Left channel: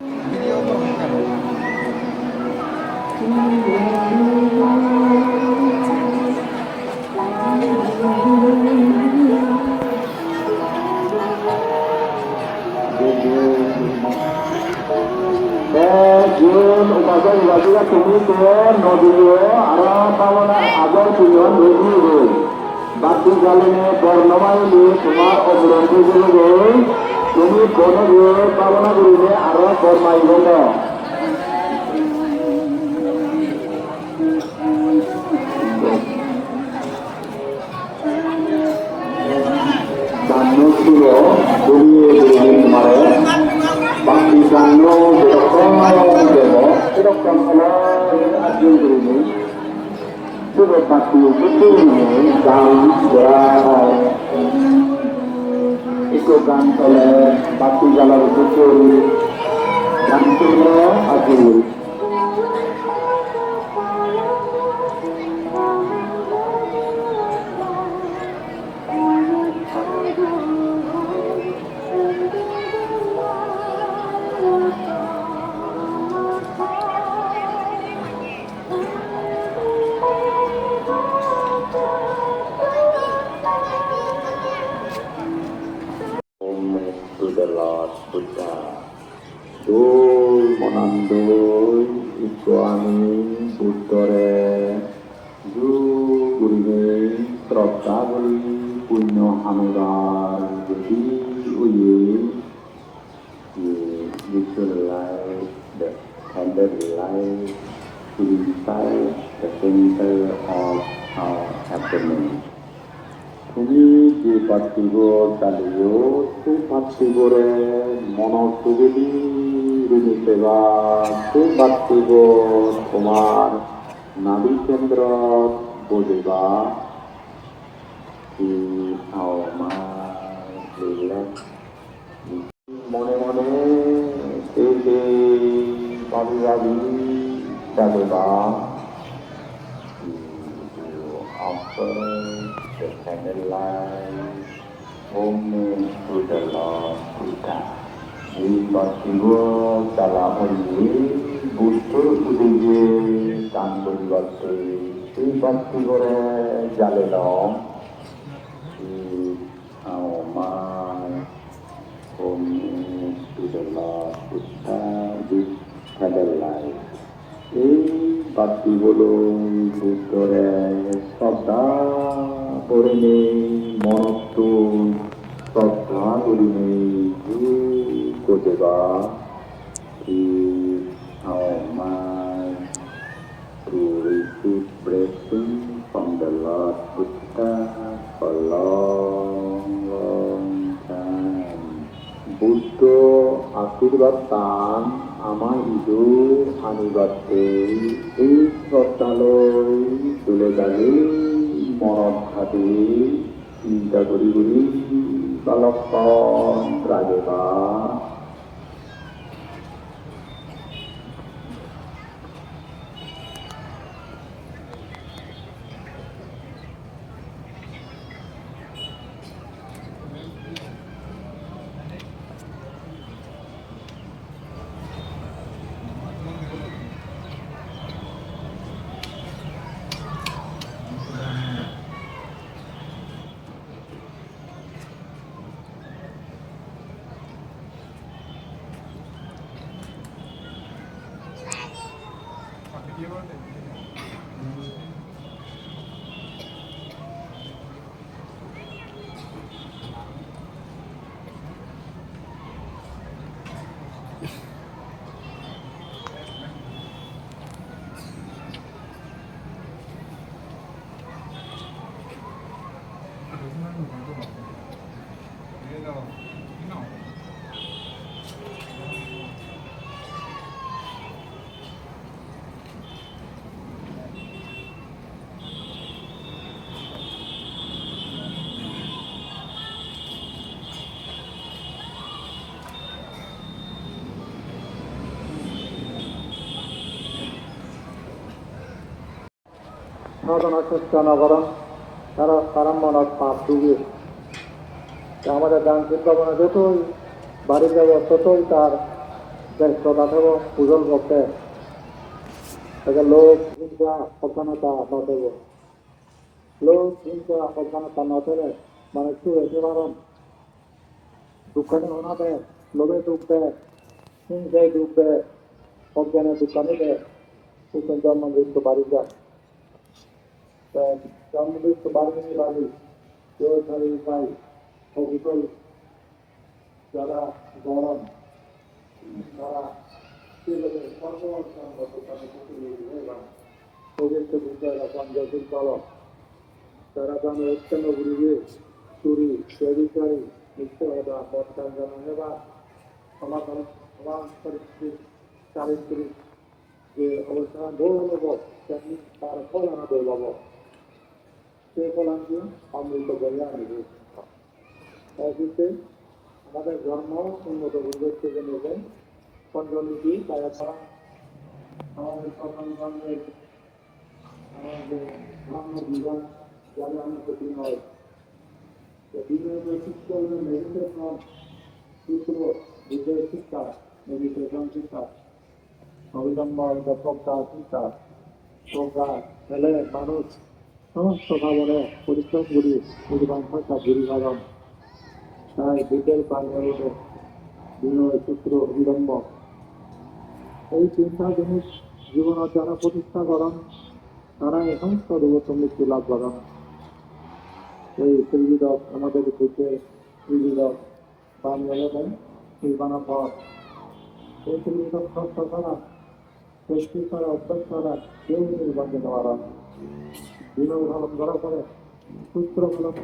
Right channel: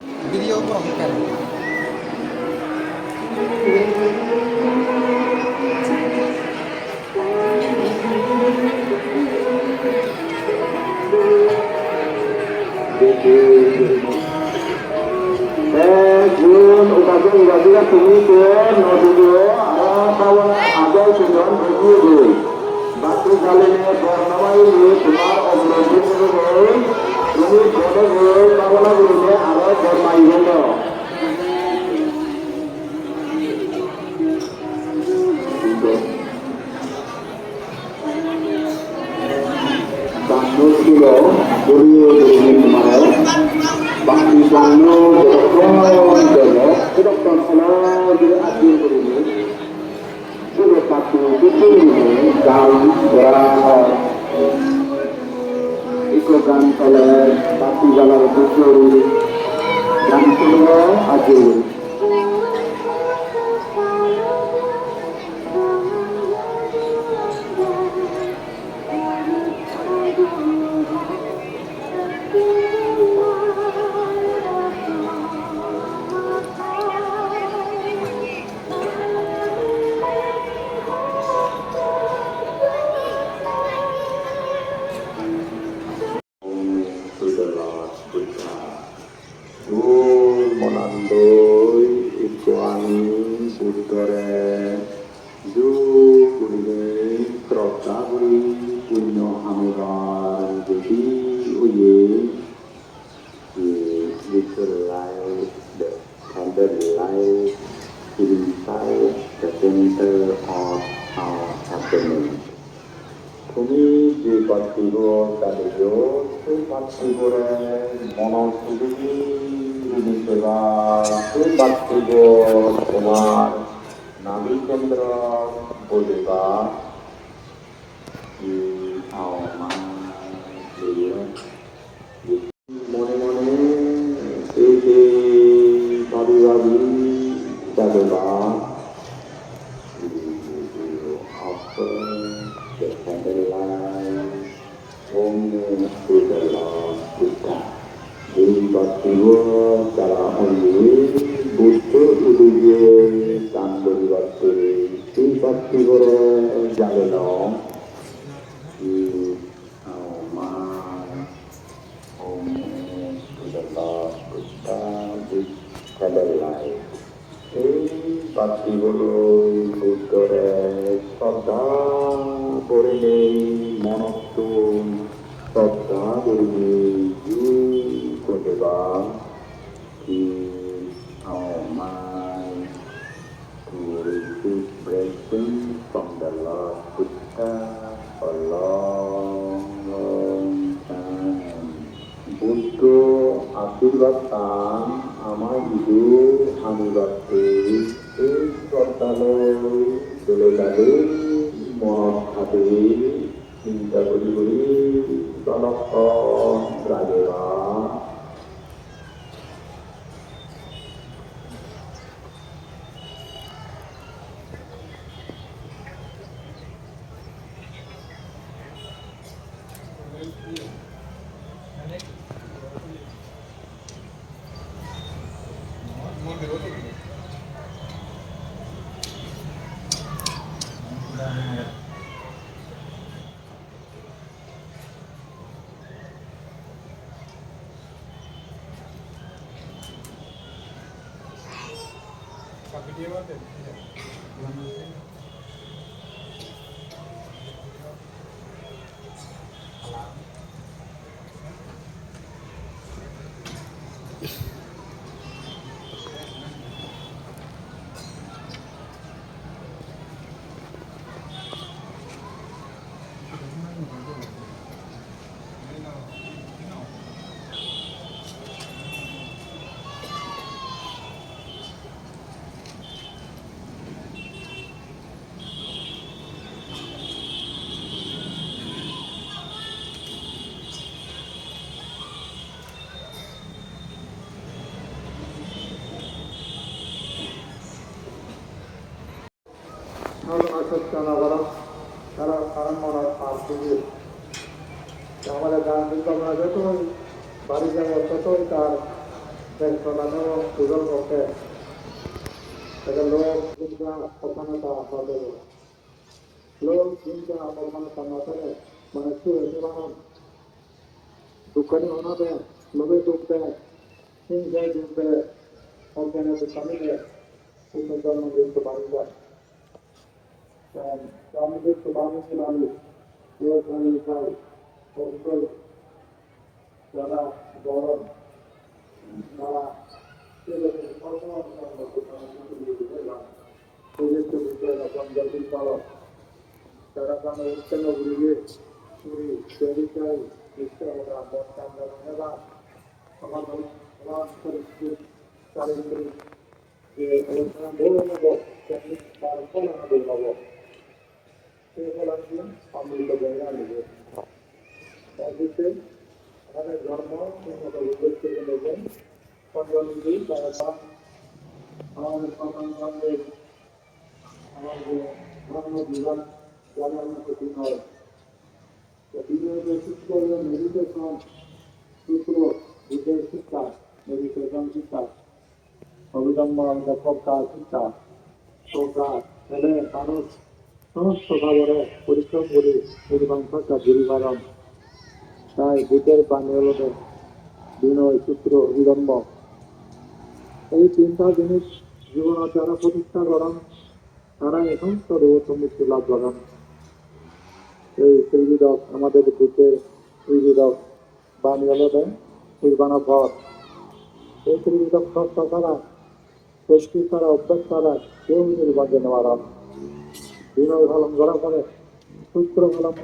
वीडियो को ऑन करें। Bati jalannya bernormal di semua operasi dulu, ini boleh dulu kalau dulu ada korban gitu. Bantu dulu, dulu kemarin, bati bantu berkorban dulu, kita kalau di akhir dulu. Sudah pasti betul ini jalan berat ikutan oleh pasti jalan betul yang sudah hadir. তারা কারাম্মার পাপ দিয়ে আমাদের দান চিন্তা যতই বাড়ি যাওয়া ততই তার ব্যস্ততাম পূজন করতে এটা লোক চিন্তা সচেতনতা নজর লোক চিন্তা সচেতনতা নজরে মানে কি হয়েছে কারণ দুঃখনে ওনাদের লোভে ডুববে হিংসায় ডুববে অজ্ঞানের দোকানে সুন্দর জন্ম দিতে পারি যায় জন্ম দিতে পারি পারি অবিকল যারা গরম তারা তারা উত্তরগুলিকে চুরি চরিচারি চারিত্রিক যে অনুষ্ঠান বলব তার ফল আমাদের বলব সে ফল আমি অমৃত বলে আনবে আমাদের ধর্ম উন্নত উল্লেখ থেকে নেবেন পঞ্চমী তারা আমাদের সন্তানদের আমাদের ধর্ম বিভাগ যারা আমরা ক্ষতি হয় বিভিন্ন শিক্ষা এবং মেডিটেশন সূত্র বিজয় শিক্ষা মেডিটেশন শিক্ষা অবিলম্ব প্রজ্ঞা শিক্ষা প্রজ্ঞা ছেলে মানুষ সমস্ত খবরে পরিশ্রম করি পরিমাণ সরকার দূরীকরণ তাই ভূতের বাণী বিনয় সূত্র বিলম্ব এই তিনটা জিনিস জীবন যারা প্রতিষ্ঠা করেন তারা এখন সর্বোত্তম মৃত্যু লাভ করেন এই ত্রিবিধক আমাদের ভূতের ত্রিবিধক বাণী নির্বাণা ভর এই ত্রিবিধক সত্য ছাড়া সৃষ্টি ছাড়া অভ্যাস ছাড়া কেউ নির্বাচন করেন বিনয় পালন করা করে সূত্র পালন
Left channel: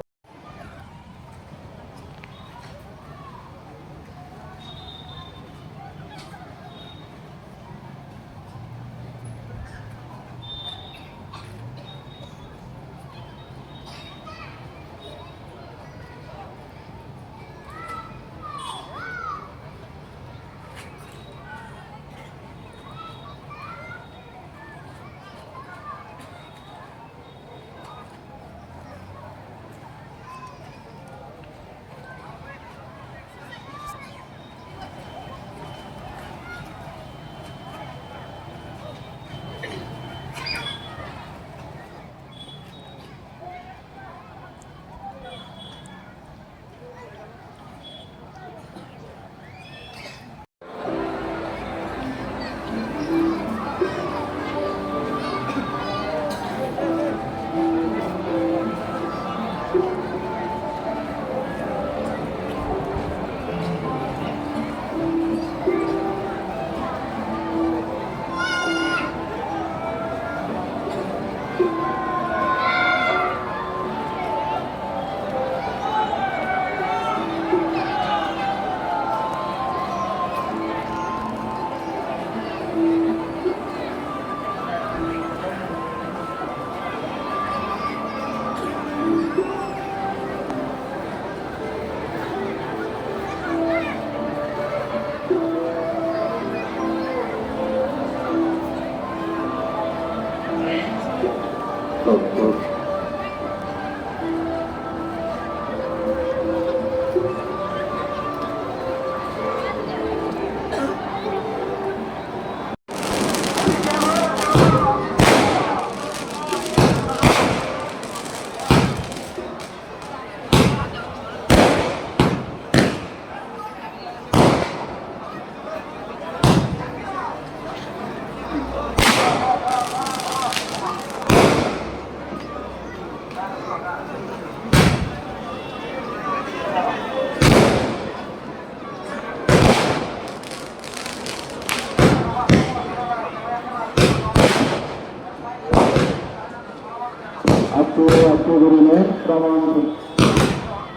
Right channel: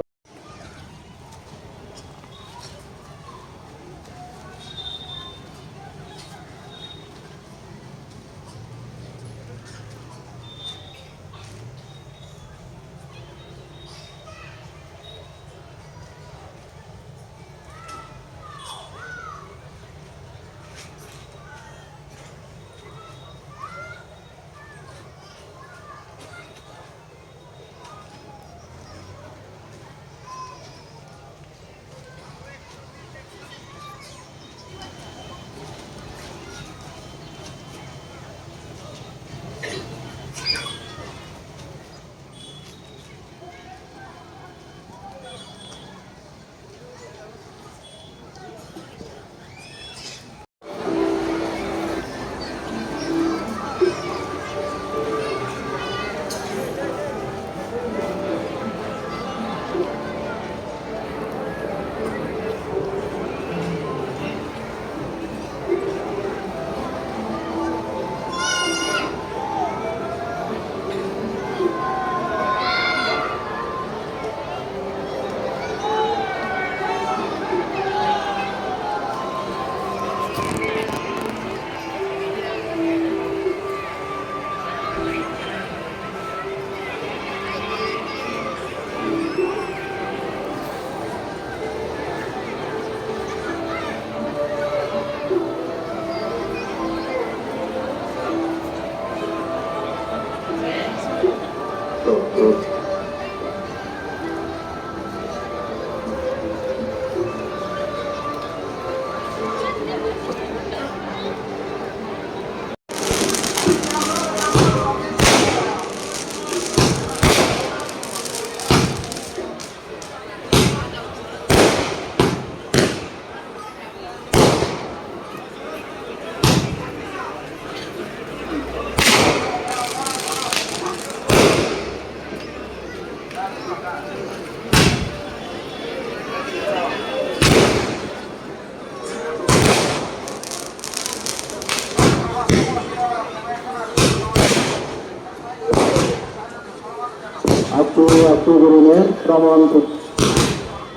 Turunin Praman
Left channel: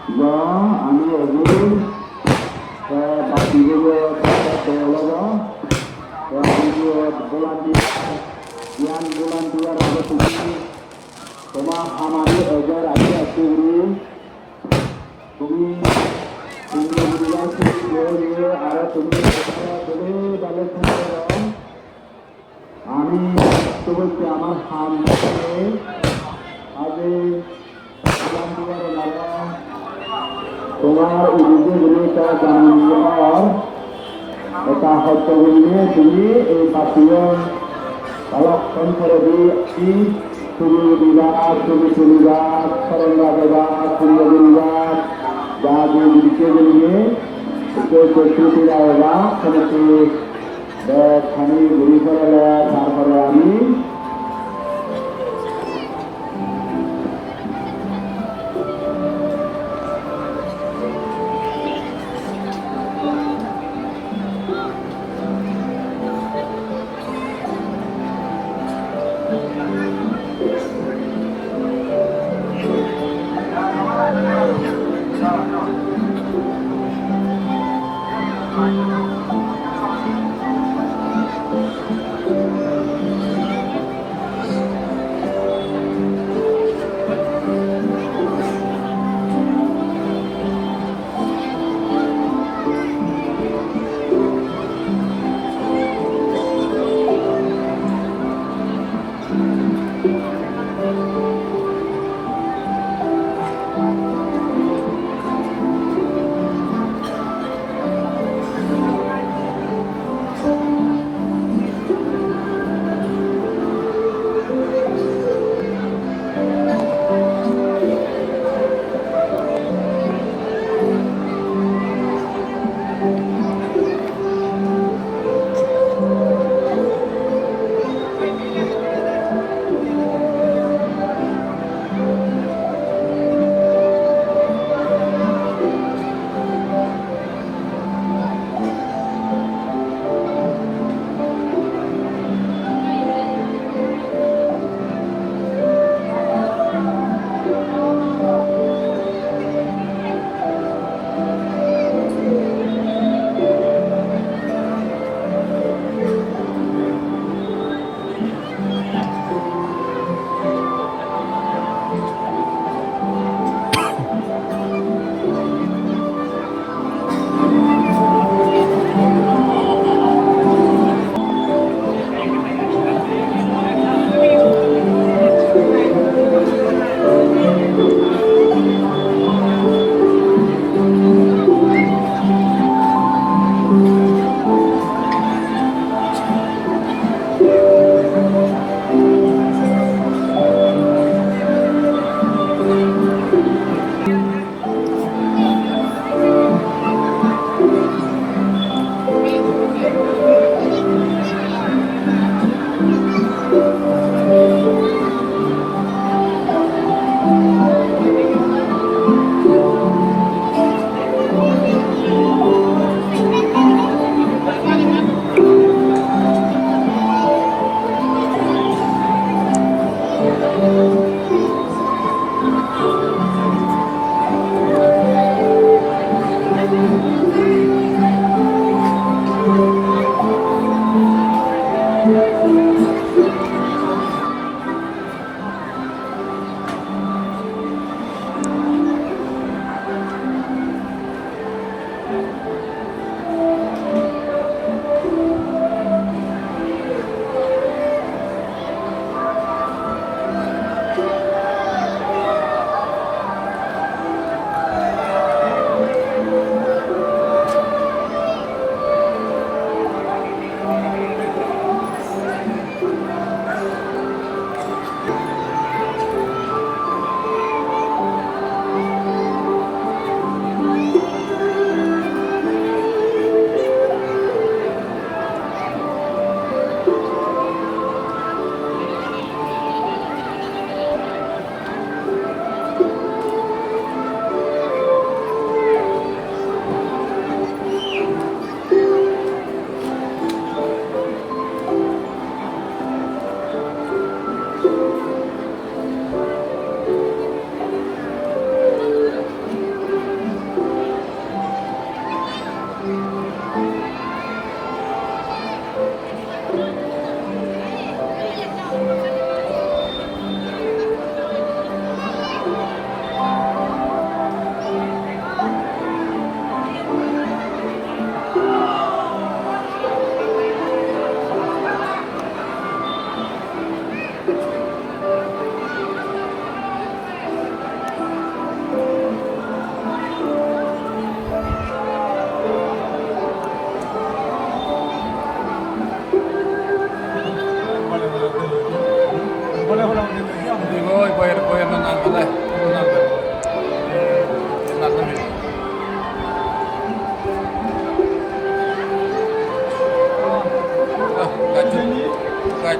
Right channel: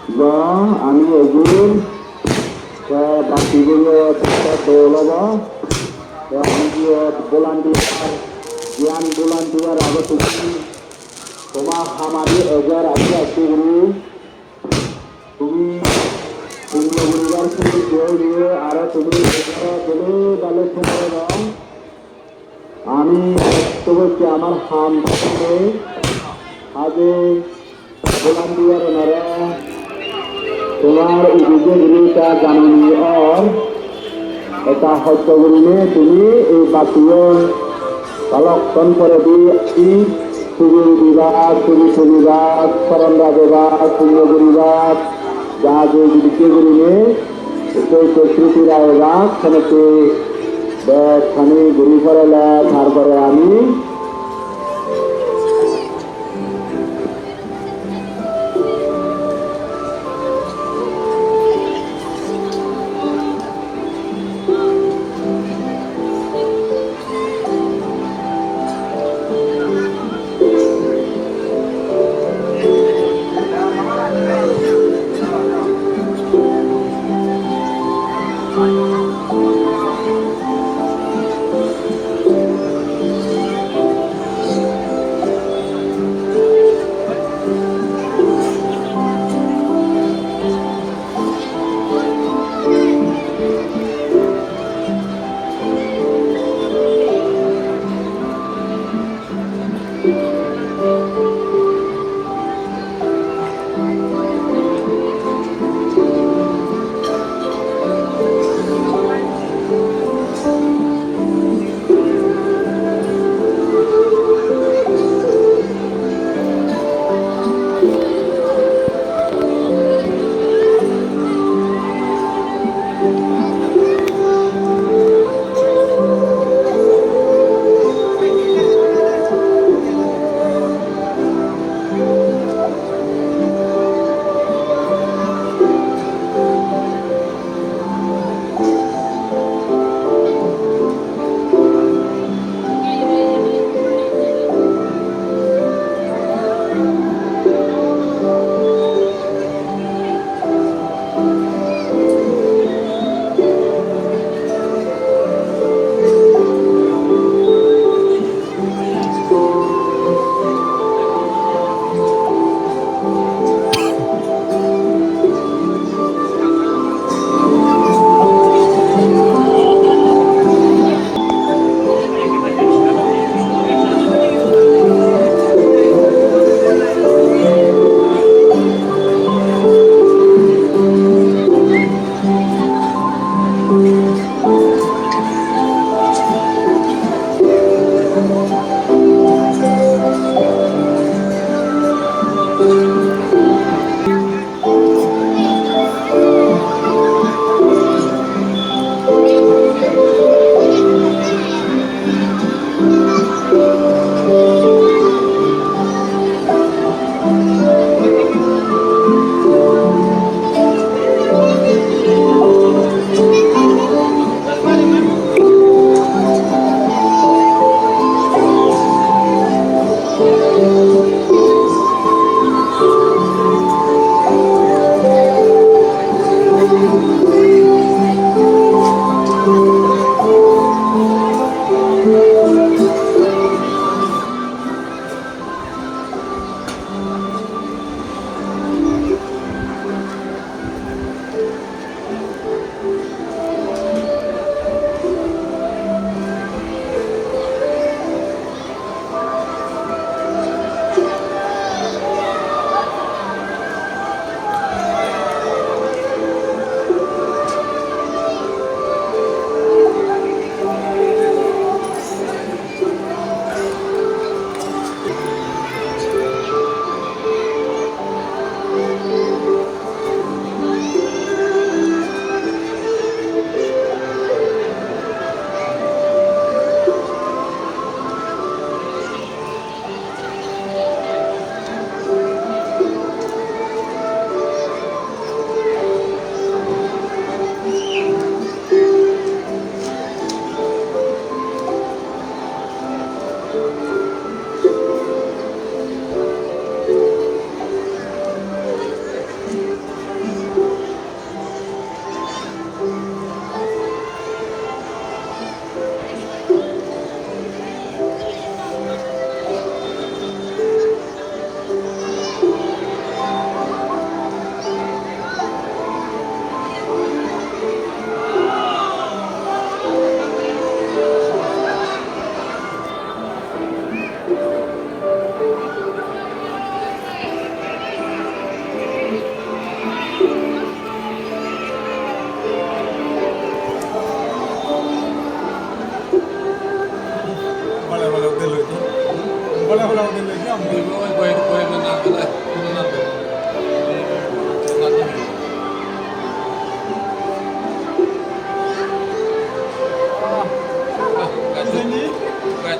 Ba Ani Ogul Bakti Guru Tata Dolaba Ani Volunteer Yan Volunteer Ada Tuki Toma Hamadi Agar Ada Guru Tumi Tumi University Guru Ada Tumi Guru Dale Tumera Ani Tuku Amar Ham आगे गुलाम दिया रनारा तुम्हार उद्योग का कानूनी और এটা সত্য কৰিলে তুমি এই বাতিয়ন অলপক্ষণ করে দিয়ে তুমি বিভাগ তুমি পরিবার সরলা বিভাগ শূন্য বিভাগ যা যে দিকে গেলে স্মৃতির আয়োগা সেটাকে খানি ঘুরি পড়ালে তারপরে আমি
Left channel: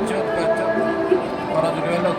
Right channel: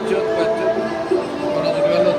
bacot orang juga lo